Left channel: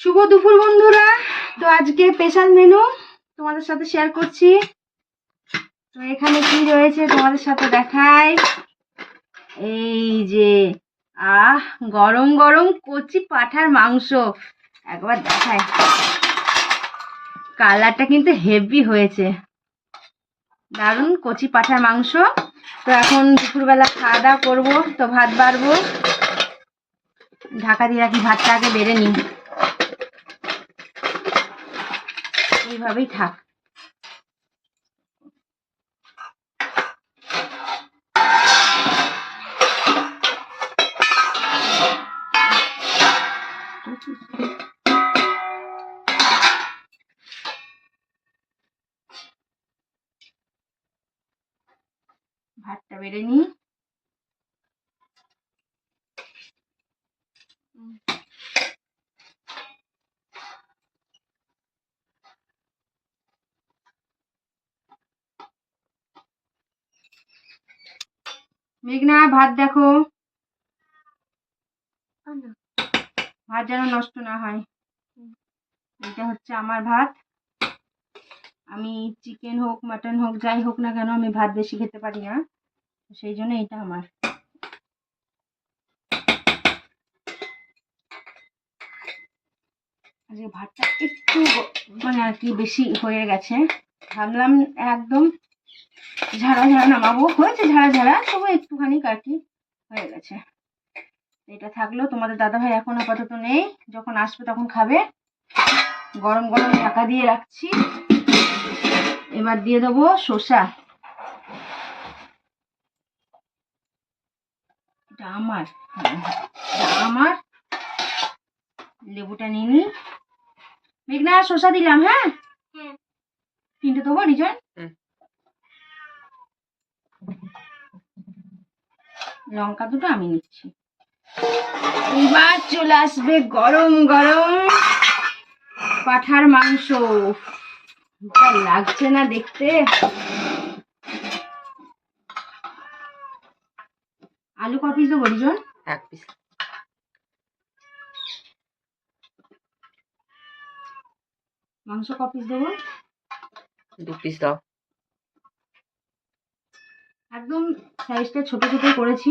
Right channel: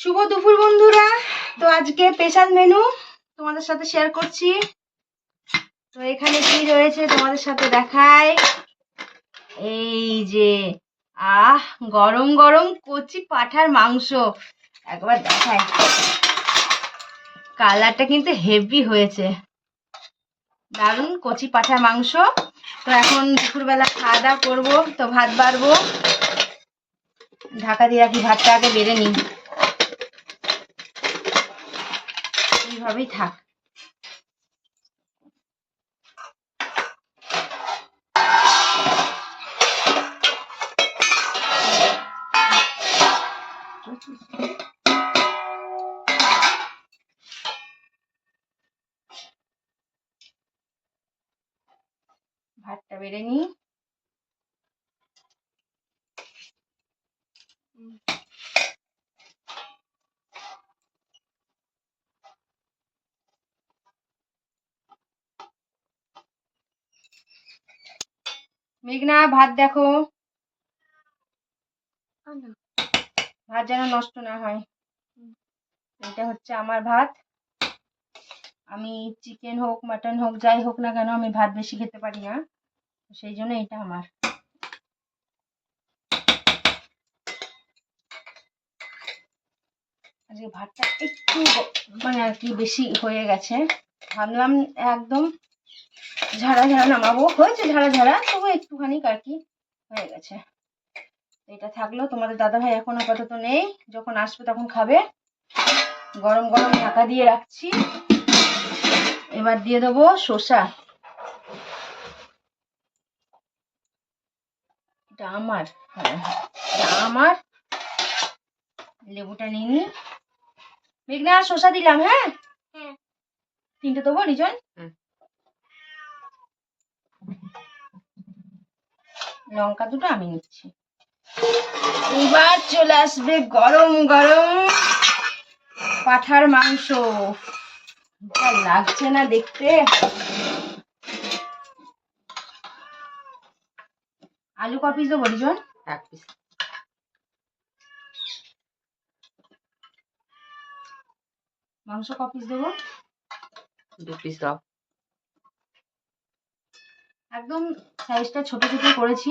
শুভ দুপুর বন্ধুরা। তো আজকে স্পেশাল মেনু তোমাদের সাথে শেয়ার করছি। তো এখানে কি রয়েছে তোমাদের সাথে দেখাই। এই যে গরম গরম কচি পাঁঠার মাংস একবার দেখাই। কালারটা কিন্তু হেভি হয়েছে, দারুণ কচি পাঁঠার মাংস। তো এখন দুপুরবেলা খাওয়া দাওয়া করবো, তো ভাত বাড়বো। ঢাকা দিয়ে রাখি, ভাতটা আগে বেড়ে নিই, এইভাবেই থাক। ভাতটা বেড়ে নিই। মেঘনা, ভাত দেখো, ভাত যেন নষ্ট না হয়। এটা হচ্ছে আমার ভাত। আমি চিকেন হোক মাটন হোক যাই হোক না কেন, আমি ভাত বেশি খেতে পারি না, সেই জন্য এটা আমার। আজকে ভাতটা একটু মানে আর কি বেশি হয়ে গেছে, ভাবলাম একদম ঝাড়া ঝাড়া নামাবো। হয়েছে ঝাড়া ঝাড়া, তবু একটুখানি আর কি হয়ে গেছে। এটা থাকলো, তোমাদের দাদাভাই এখন আপাতত নেই, যখন আসবে তখন খাবে। গরম গরম ঢাকা দিয়ে রাখছি। এবার দিয়ে দেবো শসা। এটা আমার, এটা আমার। লেবুটা নিয়ে নি। মেঘনা, শসা দিলাম। হ্যাঁ, তিনটে দেবো রিজন। লঙ্কা দুটো আমি নিচ্ছি। এবার চলে আসবে গরম গরম পাঁঠার মাংস। লাগছে না দেখতে। আলু ক পিস দেবো রিজন? 1 পিস। মাংস ক পিস দেবো? 2 পিস দাও। একদম সাইজটা ছোট ছোট করেছি,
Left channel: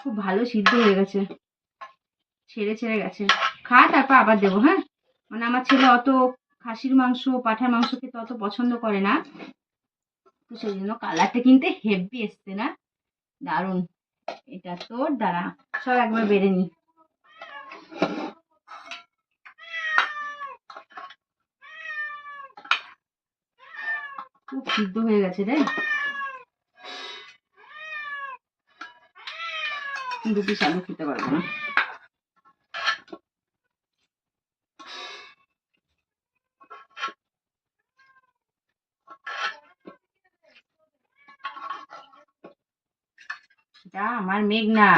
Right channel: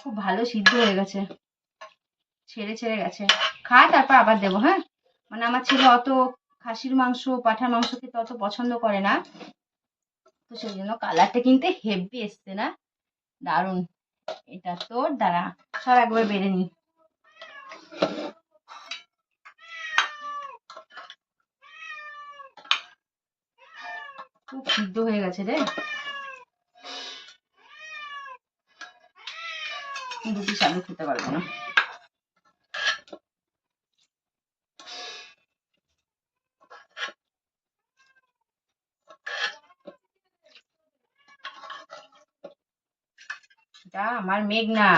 খুব ভালো সিদ্ধ হয়ে গেছে, ছেড়ে ছেড়ে গেছে। তারপর আবার দেবো। হ্যাঁ, মানে আমার ছেলে অত খাসির মাংস পাঁঠার মাংস খেতে অত পছন্দ করে না, তো সেই জন্য কালারটা কিন্তু হেভি এসছে না, দারুণ। এটা তোর দ্বারা সব একবার বেড়ে নি। খুব সিদ্ধ হয়ে গেছে রে, 2 পিস আলু খেতে পারবো না। এটা আমার মেঘনা।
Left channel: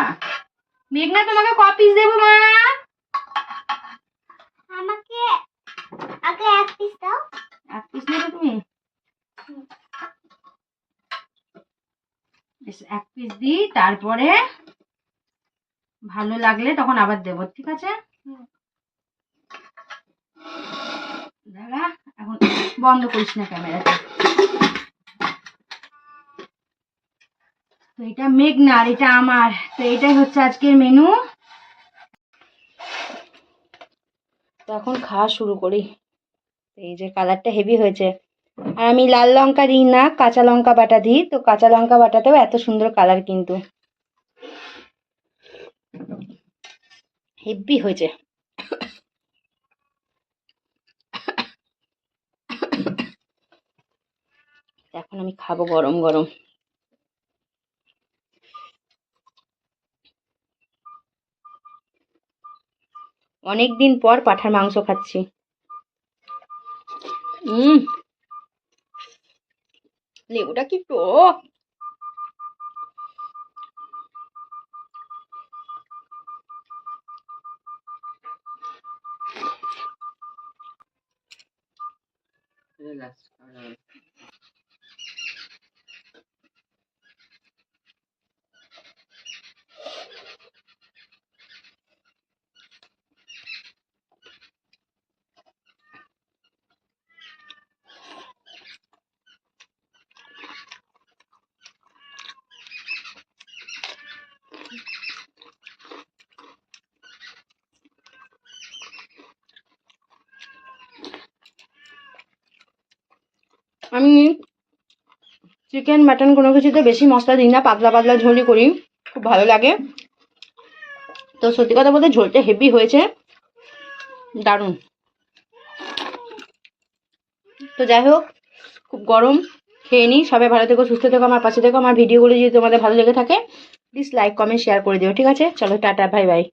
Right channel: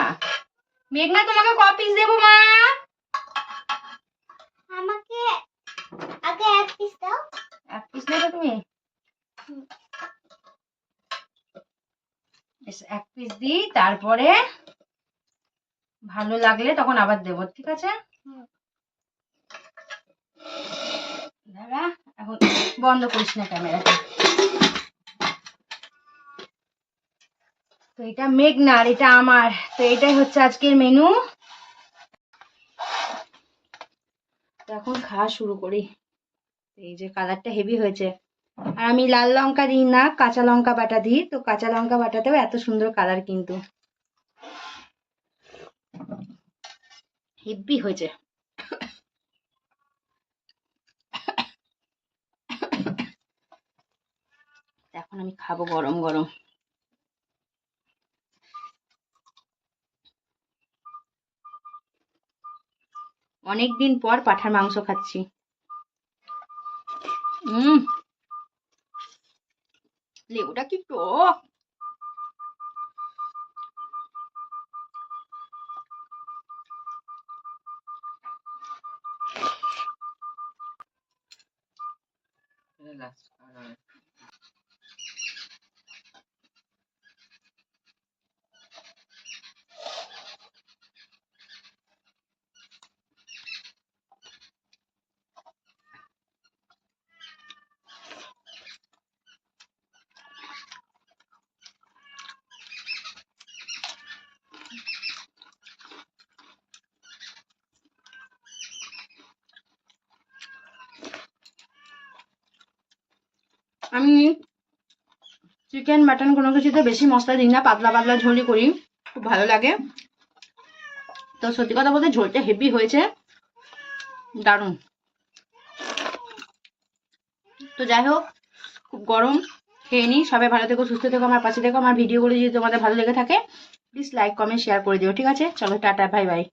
মেঘনা, তোমাকে ক পিস দেবো মা? আমাকে আগে 1 পিস দাও। 1 পিস নেবে তুমি? 1 পিস দিই, তারপরে ভালো লাগলে তখন আবার দেবো, ঠিক আছে? দাঁড়া, এখন বন্ধ করিস না ক্যামেরাটা। তো এটা মেঘনার, এটা আমার। তো এটাই হচ্ছে আজকের মেনু। তো এখন খাওয়া শুরু করি। এই যে কালারটা হেভি হয়েছে, আর আমি লাল লঙ্কা দিই না, কাঁচা লঙ্কা বাটা দিই। তো কাঁচা লঙ্কা বাটাতেও এত সুন্দর কালার কিন্তু হেভি হয়েছে। এখন আমি খাবো গরম গরম। অনেকদিন পর পাঁঠার মাংস খাচ্ছি। লেবুটা কি টক! আমি চিকেন মাটন কোনো কিছুতে বেশি মশলা দিই না, পাতলা পাতলা ঝোলই করি, খুব ভালো লাগে। তো সত্যি কথা বলতে ঝোলটা হেভি হয়েছে, দারুণ। তো যাই হোক, খুব গরম, খেয়ে নিই। সবাই ভালো থেকো, সুস্থ থেকো, আমার পাশে থেকো। আমার ভিডিওগুলো যদি তোমাদের ভালো লেগে থাকে প্লিজ লাইক কমেন্ট শেয়ার করে দিও, ঠিক আছে? চলো টাটা, বাই বাই।